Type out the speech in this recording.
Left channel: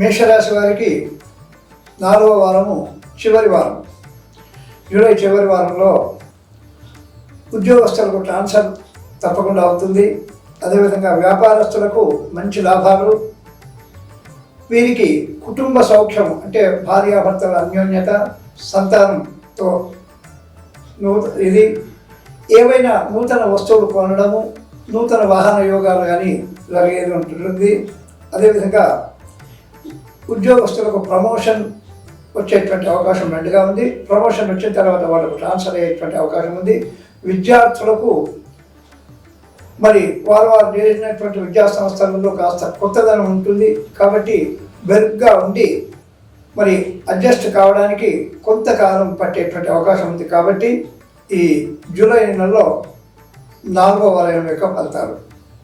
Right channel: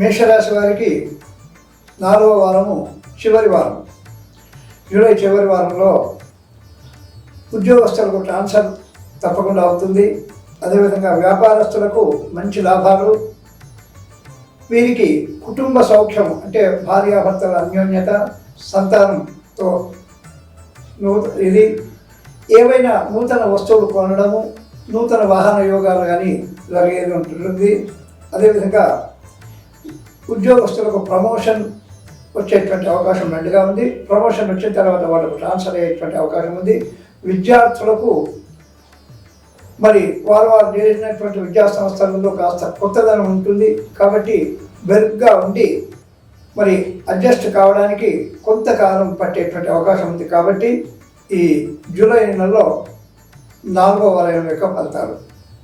మేషరాశి వారికి నాలుగవ వారము చివరి వారం. జూలై చివరి వారంలో ఉద్యోగస్తులకు ట్రాన్స్ఫర్ తప్పకుండా అవుతుంది. అదేవిధంగా వ్యాపారస్తులకు మంచి లాభాలు. వీరికి కుటుంబ సౌఖ్యం అంటే భార్యాభర్తల అన్యోన్యత సంతానంతో ఇది ఏవైనా నూతన వస్తువులు కొనడము నూతన వాహన యోగాలు కానీ జరిగేది ఉంటుంది అదేవిధంగా ఉద్యోగస్తులకు ప్రమోషన్ వచ్చేటువంటి అవకాశం రెండుగా ఉంది. ప్రమోషన్ వచ్చిన తర్వాత వాళ్ళకు ట్రాన్స్ఫర్ అయ్యేటువంటి అవకాశం ఉంది. విద్యార్థులకు మరి వారు వారు చేసినటువంటి విద్యా సంస్థలలో కాస్త కొత్తదనం ఉంటుంది. కాబట్టి బెరుగ్గా ఉండి మరి అడ్జస్ట్ కావడానికి కొంతకాలం పట్టేటువంటి అవకాశం ఉంది. కాబట్టి ఈ జూలై నెలలో నాలుగో వలయం యొక్క ఫలితాలు.